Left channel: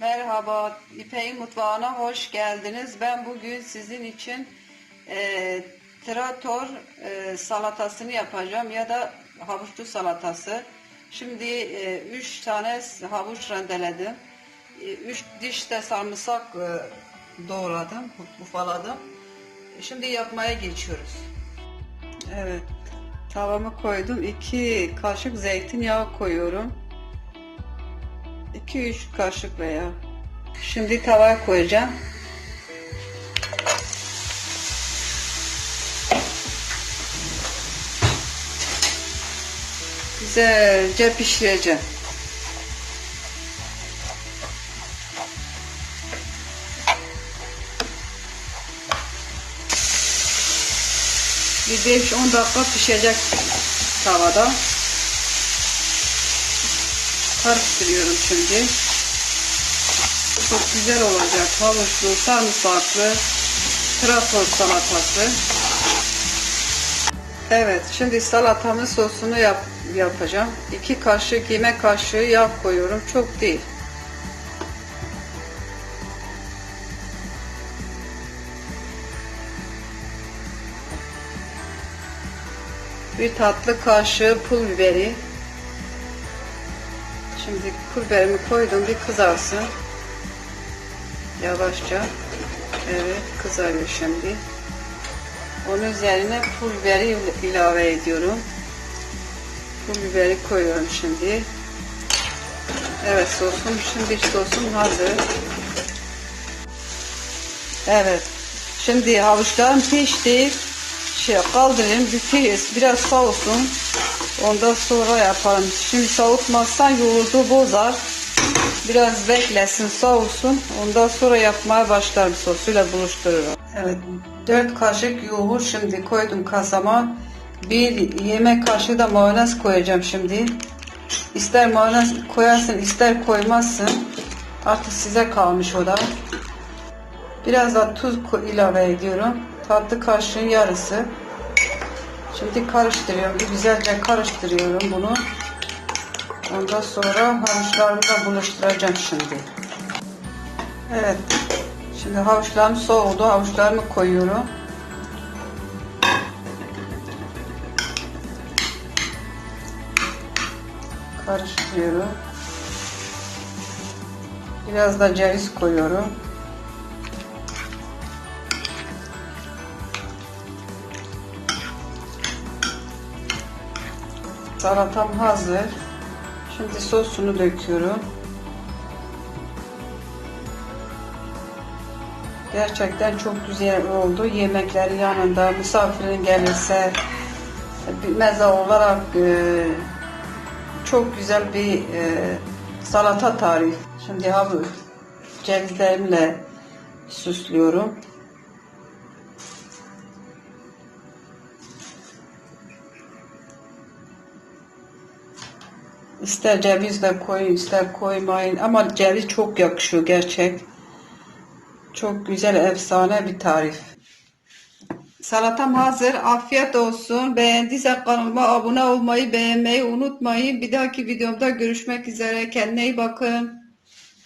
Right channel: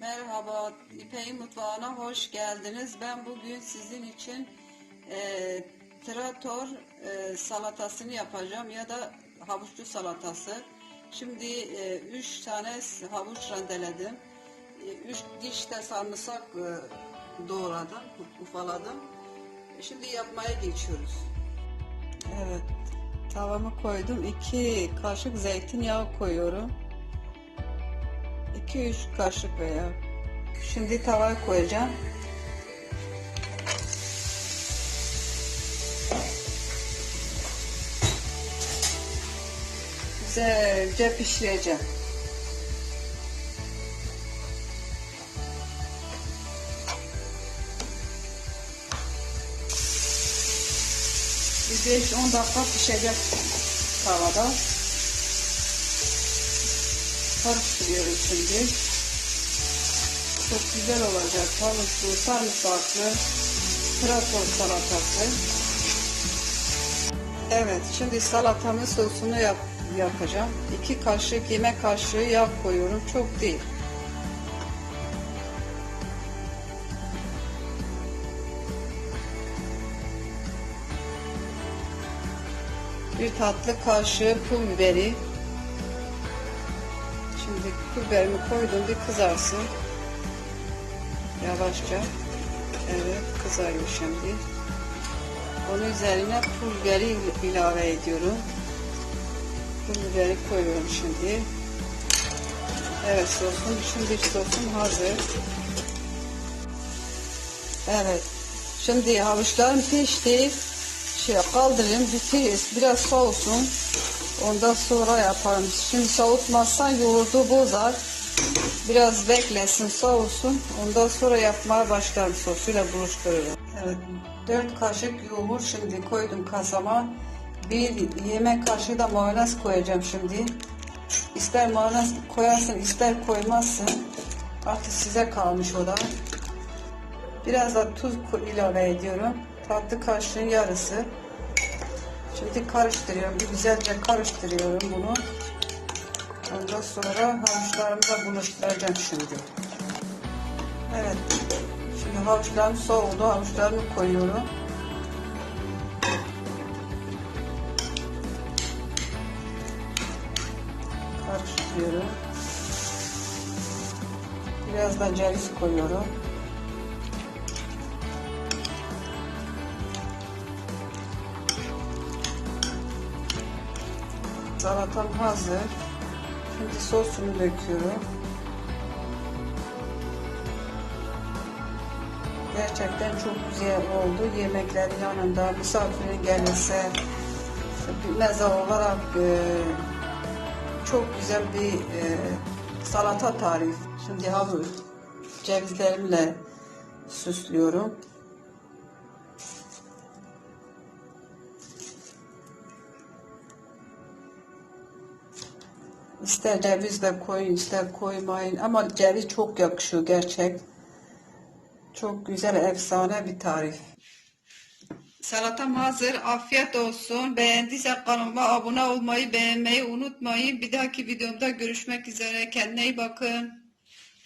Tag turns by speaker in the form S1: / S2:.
S1: Merhaba, İpek'in mutfağına hoş geldiniz. Ben bugün sizin için e, trator e, salatasını yapacağım ya da havuçlu salatası. Şimdi 3 tane havuç rendeledim. 3 diş de sarımsak e, doğradım, ufaladım. Şimdi yapmaya geçiyoruz. Evet, tavamı koydum. 2 kaşık zeytinyağı koyuyorum. 2-3 kaşık veya. Şimdi tavaya koyacağım. Güzelce pişireceğim. Bir 5-10 dakika pişecek tavada. Karıştırıyorum şimdi. Çok güzel olacak. Havuçlu, sarımsaklı, trafor salatası. Evet, şimdi salatamın sosunu yap, yapacağım. 2 kaşık yemek kaşığı yağ koyuyorum. Çok değil. Bir tatlı kaşığı pul biberi. Şimdi pul biberimi koydum bir kızarsın. Yavaşça. Evet kızarıyor şimdi. Onun üzerine pul biberi ilave ediyorum. Pul biberi koyuyorum şimdi. Evet sosum şimdi sosum hazır. Evet. Şimdi havuçlarım pişti. Şey kaldırayım bir biraz soğusun. Ondan sonra yaparım. Şimdi soğutmazsan yoğurdu bozar. Biraz beklesin soğusun. Ondan sonra yapmaya başlarım sosuyla buluştururum. Evet 4 kaşık yoğurt şimdi koydum kasama. Bir yemek kaşığı da mayonez koyacağım şimdi. İster mayonez koyarsın ister koymazsın. Artık size kalmış o da. Biraz da tuz ilave ediyorum. Tatlı kaşığın yarısı. Şimdi karıştırıyorum. Güzelce karıştırıyorum bunu. Ondan sonra havuçlarımı da buluşturacağım şimdi. Evet. Şimdi havuçlarım soğudu. Havuçlarımı koyuyorum. Karıştırıyorum. Biraz da ceviz koyuyorum. Salatam hazır. Şimdi sosunu döküyorum. Gerçekten çok güzel oldu. Yemekler yanında misafirin gelirse bir meze olarak e, çok güzel bir e, salata tarif. Şimdi havuç cevizlerimle süslüyorum. İster ceviz de koyun, ister koymayın. Ama ceviz çok yakışıyor gerçek. Çok güzel, efsane bir tarif. Salatam hazır. Afiyet olsun. Beğendiyse kanalıma abone olmayı, beğenmeyi unutmayın. Bir dahaki videomda görüşmek üzere. Kendine iyi bakın.